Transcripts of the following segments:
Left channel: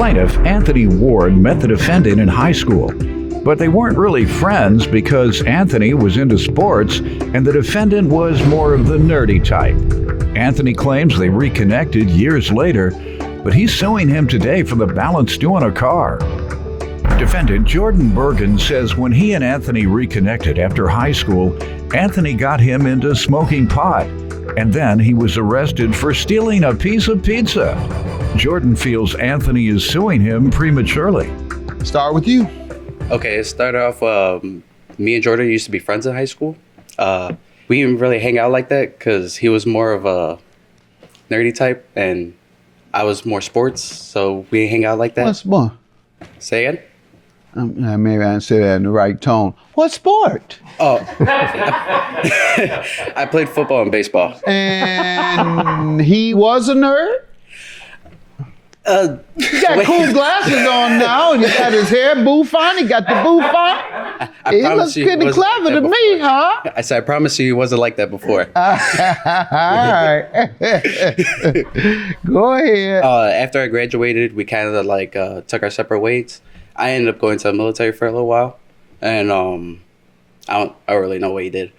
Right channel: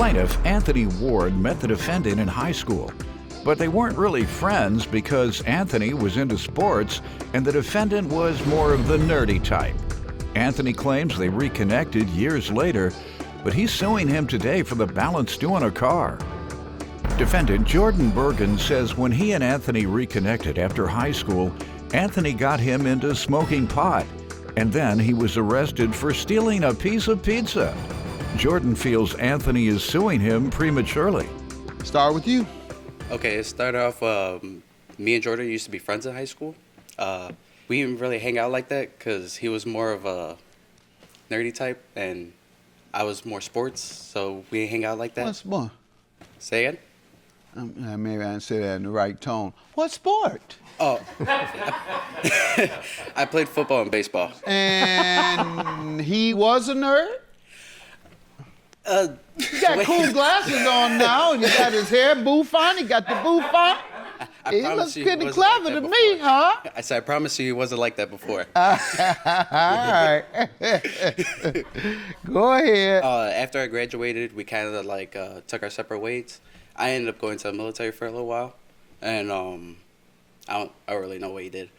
plaintiff, Anthony Ward, met the defendant in high school. But they weren't really friends because Anthony was into sports and the defendant was more of the nerdy type. Anthony claims they reconnected years later, but he's suing him today for the balance due on a car. Defendant Jordan Bergen says when he and Anthony reconnected after high school, Anthony got him into smoking pot, and then he was arrested for stealing a piece of pizza. Jordan feels Anthony is suing him prematurely. Start with you. Okay, it started off, me and Jordan used to be friends in high school. We didn't really hang out like that because he was more of a nerdy type and I was more sports, so we didn't hang out like that. What sport? Say it? Maybe I didn't say that in the right tone. What sport? Oh, I played football and baseball. And he was a nerd? He got cool glasses on now, and he got his hair bouffant, he got the bouffant. He looks pretty clever to me, huh? I said, I promise you he wasn't like that before. All right. Go ahead. After I graduated, we kind of like took our separate ways. I ended up going to the military for a little while, and I don't really know what he did.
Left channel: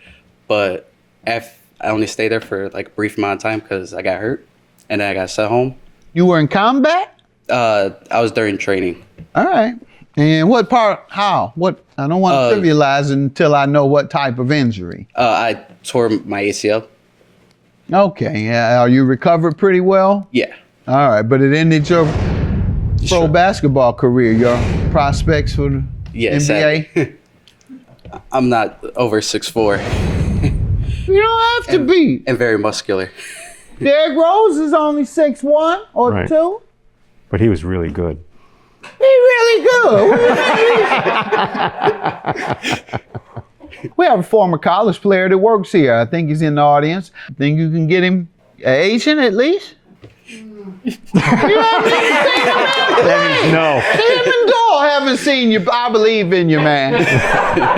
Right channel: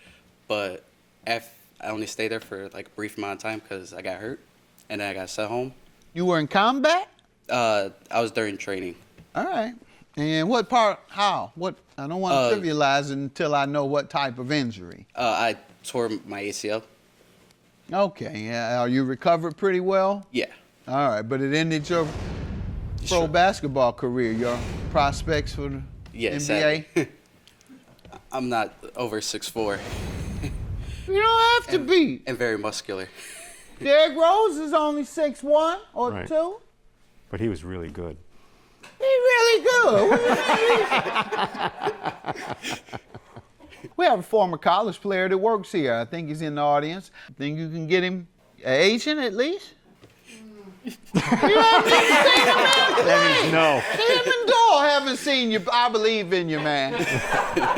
But I only stayed there for like a brief amount of time because I got hurt, and then I got sent home. You were in combat? I was during training. All right. And what part, how? What? I don't want to trivialize it until I know what type of injury. I tore my ACL. Okay. Are you recovered pretty well? Yeah. All right. But it ended your pro basketball career, your prospects for the NBA? I'm not over 6'4". You don't have to be. And very muscular. Derrick Rose is only 6'1" or Right. 2. But he was really good. He's really good. What do you mean? We have a former college player that works here. I think he's in the audience. I think you can get him an agent at least. You know what I mean? No. See him and go. Haven't seen you. I believe in you, man.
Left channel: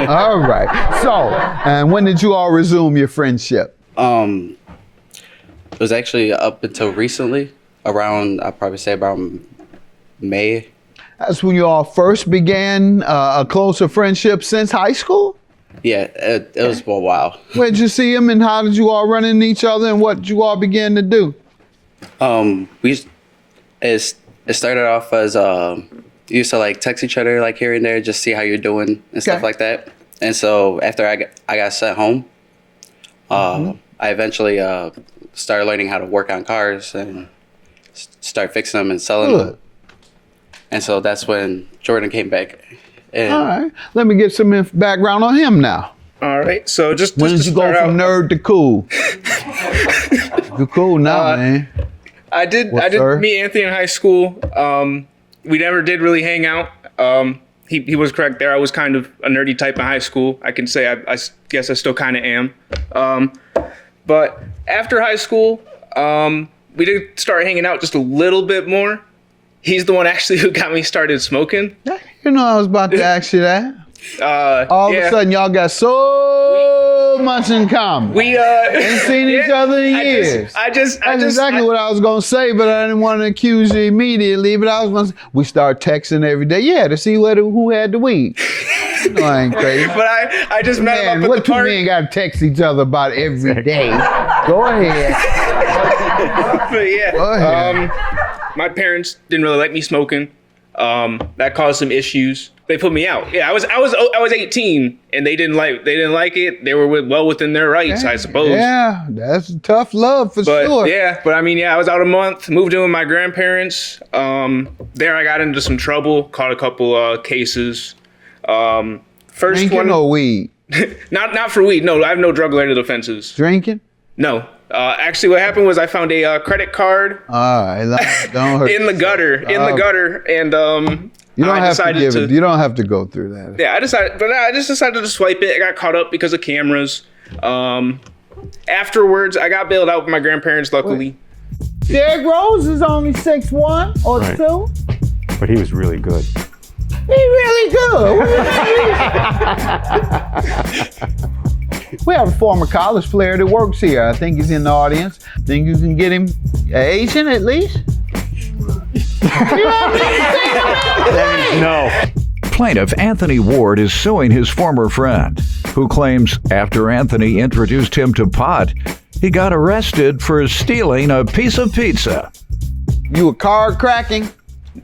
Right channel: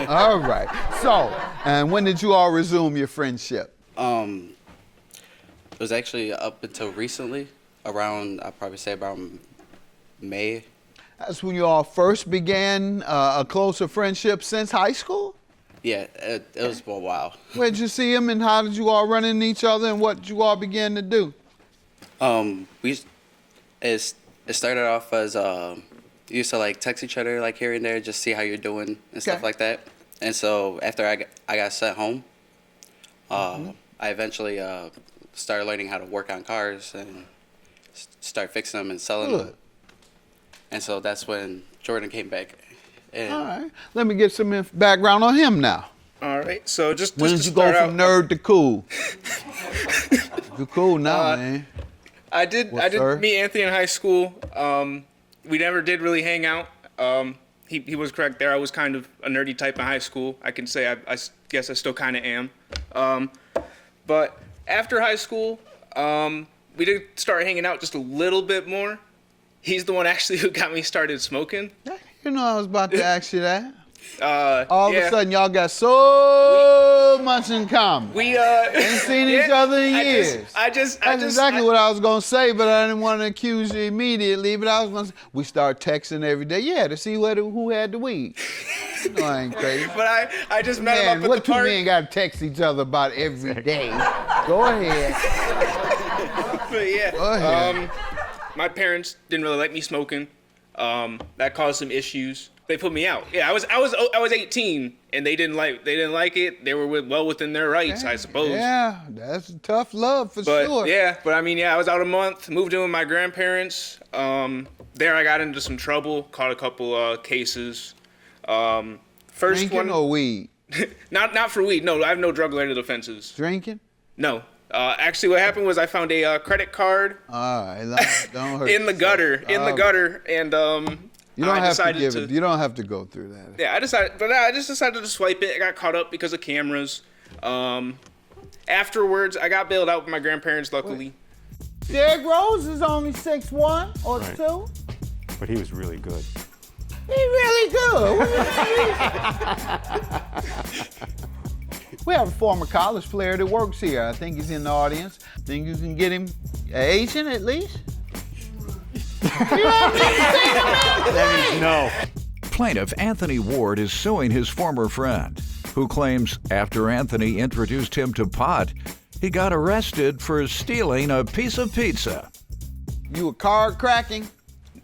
All right. So, and when did you all resume your friendship? It was actually up until recently, I'd probably say around May. That's when you all first began a closer friendship since high school? Yeah, it was for a while. Where'd you see him and how did you all run into each other and what did you all begin to do? It started off as we used to like text each other like here and there, just see how you're doing and stuff like that. And so after I got sent home, I eventually started learning how to work on cars and start fixing them and selling them. And so that's when Jordan came back. And all right, let me get some background on him now. All right, so just When to did you start go from out, nerd to cool? You're cool now, man. I did sir? meet Anthony in high school. We never did really hang out. He was correct there. I was kind of a nerdy type in high school. I can say I guess I still kind of am. But after high school, we did start hanging out just a little bit more. He's the one actually who got me started smoking. You know I was about to ask you that. All of yeah. a sudden, y'all got so much in common. We ain't seen each other in years. That's exactly what I was gonna say, but I didn't want to accuse you immediately. But I was gonna say, we start texting every day, to see who had the weed. No, I ain't crazy. But I just met him up at the what two park. men gotta text each other about every day? Go ahead. But yeah, Go ahead. my parents didn't really like me smoking. That caused some issues. They put me out. Yeah, I was 18 and they didn't like it. They were well within their rights, I suppose. Yeah, that's tough love for sure. But I mean, I was out a month, moved in with my grandparents. There I got into some trouble, caught a couple cases. First Drinking one, or weed? not for weed. No, I have no drug-related offenses. Drinking? No. Actually, what happened was I found a credit card All right, don't hurt in the gutter, and You don't I have to decided give to. it. You don't have to go through that. Yeah, I just decided to swipe it. I got caught up because of cameras. Afterwards, I got bailed out with my grandparents, luckily. Derrick Rose is only 6'1" or Right. 2. But he was really good. He's really good. What do you mean? We have a former college player that works here. I think he's in the audience. Think you can get him an agent at least? You No. Plaintiff Anthony Ward is suing his former friend, who claims after Anthony introduced him to pot, he got arrested for stealing a piece of pizza. You a card cracking?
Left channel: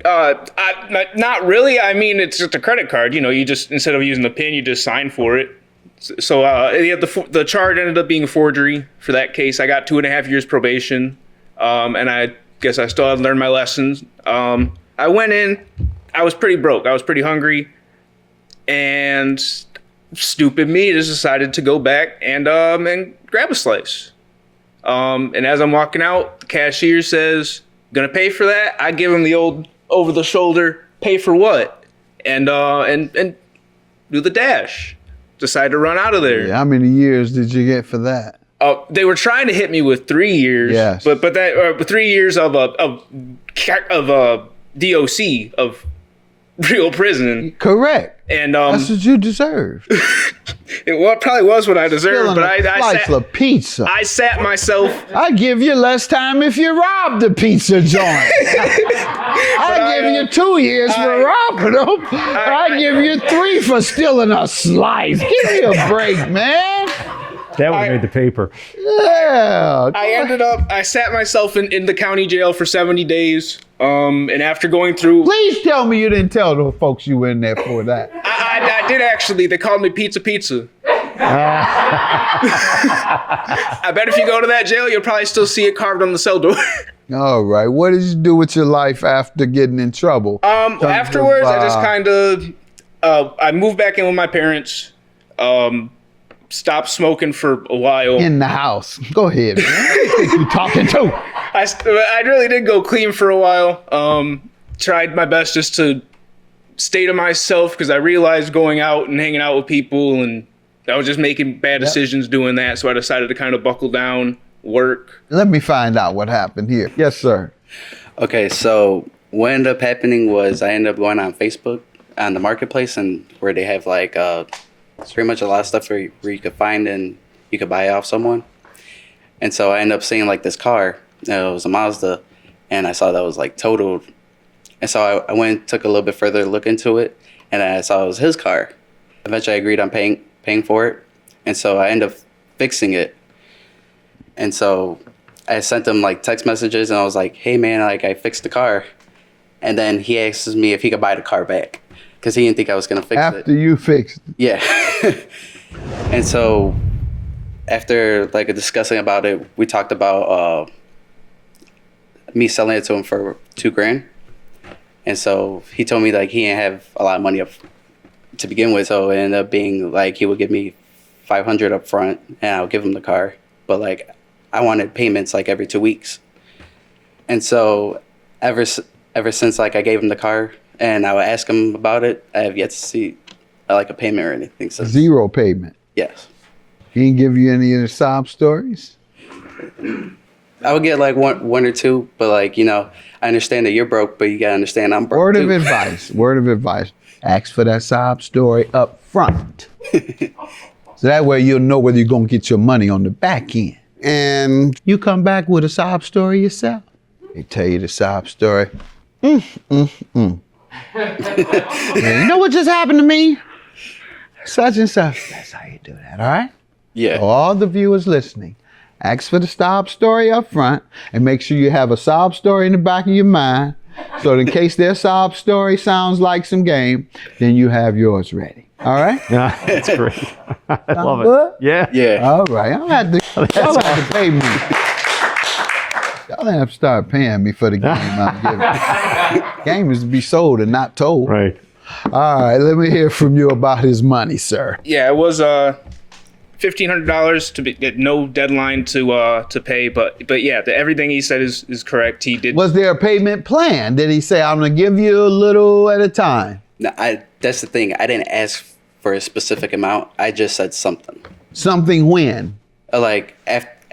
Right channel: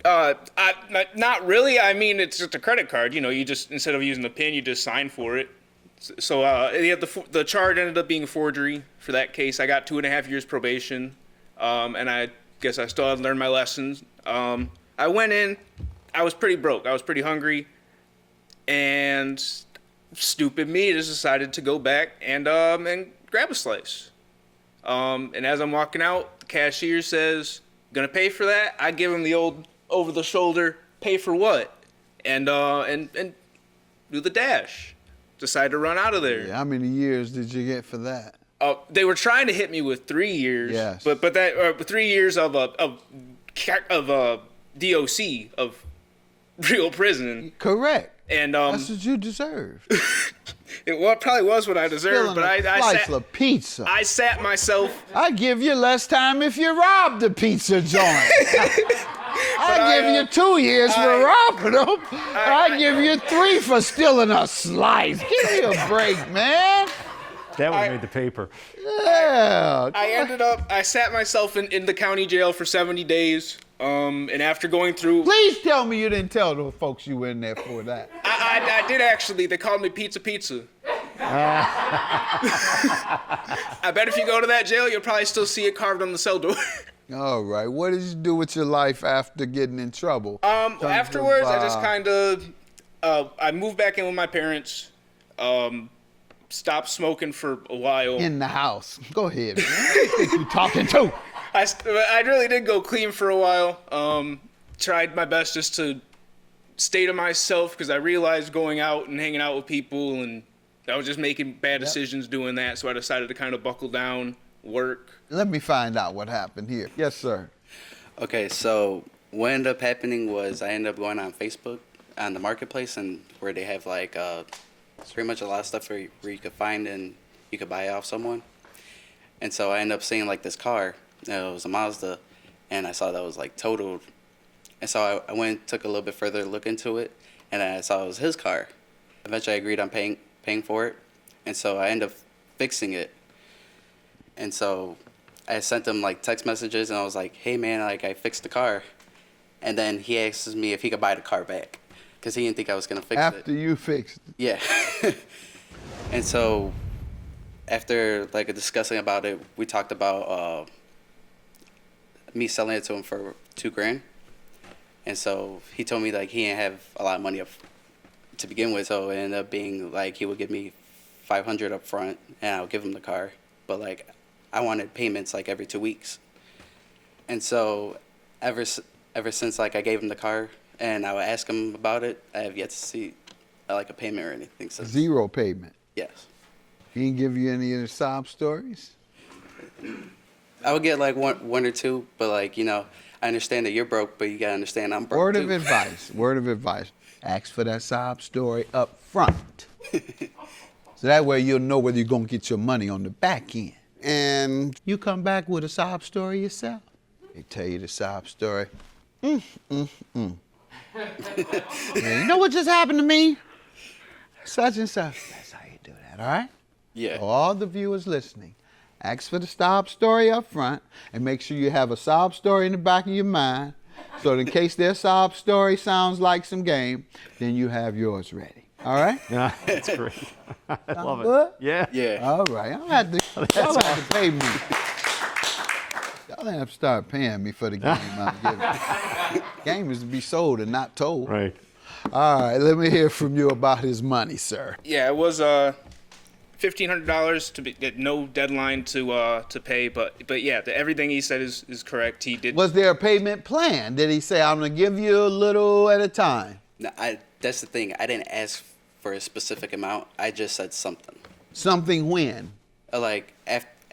Not really. I mean, it's just a credit card. You know, you just, instead of using the PIN, you just sign for it. So yeah, the charge ended up being forgery for that case. I got 2.5 years probation, and I guess I still haven't learned my lessons. I went in, I was pretty broke. I was pretty hungry, and stupid me just decided to go back and grab a slice. And as I'm walking out, the cashier says, "Gonna pay for that?" I give him the old over the shoulder, "Pay for what?" And do the dash. Decided to run out of there. Yeah, how many years did you get for that? They were trying to hit me with 3 years. Yes. But that 3 years of DOC, of real prison. Correct. And That's what you deserve. it probably was what I deserved. Stealing But a slice of pizza. I sat myself. I give you less time if you rob the pizza joint. I give you 2 years for robbing them. I give you 3 for stealing a slice. Give me a break, man. That would have made the paper. Yeah. I sat myself in the county jail for 70 days. And after going through. Please tell me you didn't tell the folks you were in there for that. I did actually. They called me Pizza. I bet if you go to that jail, you'll probably still see it carved on the cell door. All right. What did you do with your life after getting in trouble? Afterwards, I just kind of, I moved back in with my parents, stopped smoking for a while. In the house. Go ahead, man. Who you think you talking to? I really did go clean for a while. Tried my best just to stay to myself because I realized going out and hanging out with people and I was just making bad decisions doing that. So I decided to kind of buckle down, work. Let me find out what happened here. Yes, sir. Okay, so what ended up happening was I ended up going on Facebook on the marketplace, and where they have like it's pretty much a lot of stuff where you could find and you could buy it off someone. And so I ended up seeing like this car. It was a Mazda, and I saw that was like totaled. And so I went and took a little bit further look into it, and I saw it was his car. Eventually, I agreed on paying for it, and so I ended up fixing it. And so I sent him like text messages, and I was like, "Hey man, like I fixed the car," and then he asked me if he could buy the car back because he didn't think I was gonna fix it. After you fixed it. Yeah. And so after like discussing about it, we talked about me selling it to him for $2,000. And so he told me like he didn't have a lot of money up to begin with, so it ended up being like he would give me $500 up front and I'll give him the car. But like I wanted payments like every 2 weeks. And so ever since like I gave him the car and I would ask him about it, I have yet to see like a payment or anything. So Zero payment. yes. He didn't give you any of the sob stories? I would get like one or two, but like, you know, I understand that you're broke, but you gotta understand I'm broke Word too. of advice. Word of advice. Ask for that sob story up front. So that way you'll know whether you're gonna get your money on the back end. And you come back with a sob story yourself. They tell you the sob story. Yeah, you know what just happened to me? Such and such. That's how you do that, all right? Yeah. So all the viewers listening, ask for the sob story up front and make sure you have a sob story in the back of your mind so in case their sob story sounds like some game, then you have yours ready. All right? Yeah, that's great. I love good? it. Yeah. Yeah. All right. Y'all have to pay me. Y'all have to start paying me for the game I'm giving. Game is to be sold and not told. Right. All right. Let me hear from you about his money, sir. Yeah, it was $1,500 to get no deadline to pay, but yeah, everything he said is correct. He did. Was there a payment plan? Did he say, I'm going to give you a little at a time? No, that's the thing. I didn't ask for a specific amount. I just said something. Something when? Like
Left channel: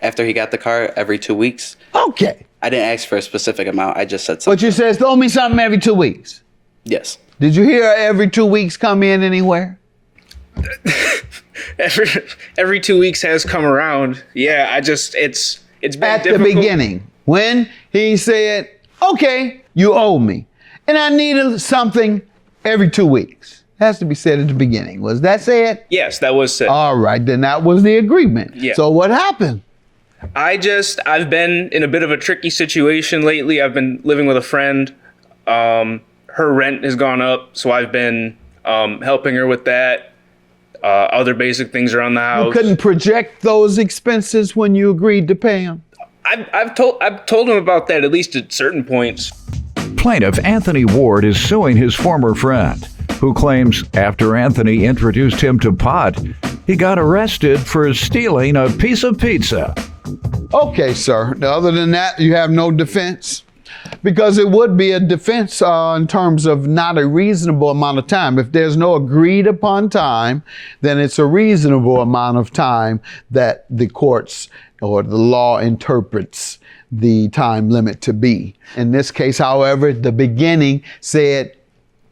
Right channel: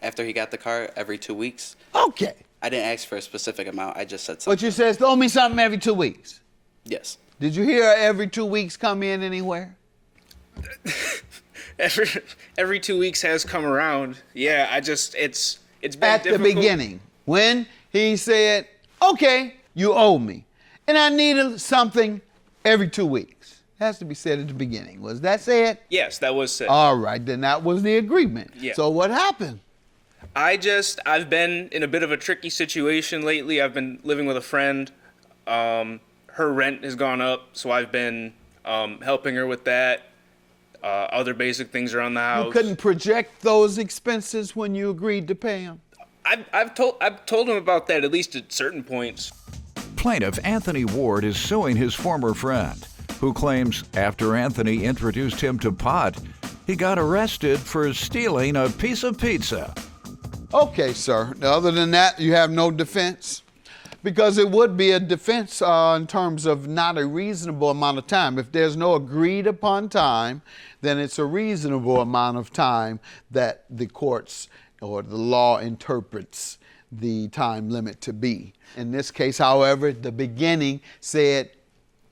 after he got the car every 2 weeks. Okay. I didn't ask for a specific amount. I just said something. But you said, throw me something every 2 weeks. Yes. Did you hear every 2 weeks come in anywhere? Every 2 weeks has come around. Yeah, it's been At difficult. the beginning, when he said, Okay, you owe me. And I needed something every 2 weeks. Has to be said at the beginning. Was that said? Yes, that was said. All right, then that was the agreement. Yeah. So what happened? I've been in a bit of a tricky situation lately. I've been living with a friend. Her rent has gone up, so I've been helping her with that. Other basic things around the house. You couldn't project those expenses when you agreed to pay them? I've told him about that at least at certain points. Plaintiff Anthony Ward is suing his former friend, who claims after Anthony introduced him to pot, he got arrested for stealing a piece of pizza. Okay, sir. Other than that, you have no defense? Because it would be a defense in terms of not a reasonable amount of time. If there's no agreed upon time, then it's a reasonable amount of time that the courts or the law interprets the time limit to be. In this case, however, the beginning said,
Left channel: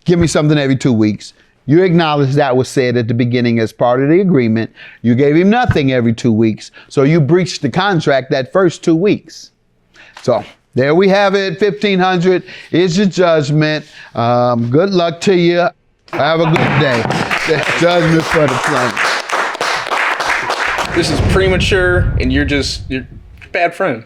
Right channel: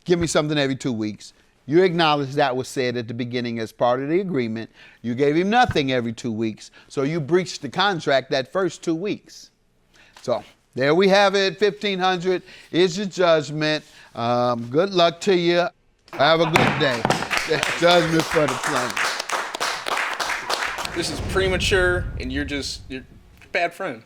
give me something every 2 weeks. You acknowledge that was said at the beginning as part of the agreement. You gave him nothing every 2 weeks, so you breached the contract that first 2 weeks. So there we have it. 1,500 is your judgment. Good luck to you. Have a good day. Judgment for the plaintiff. This is premature, and you're a bad friend.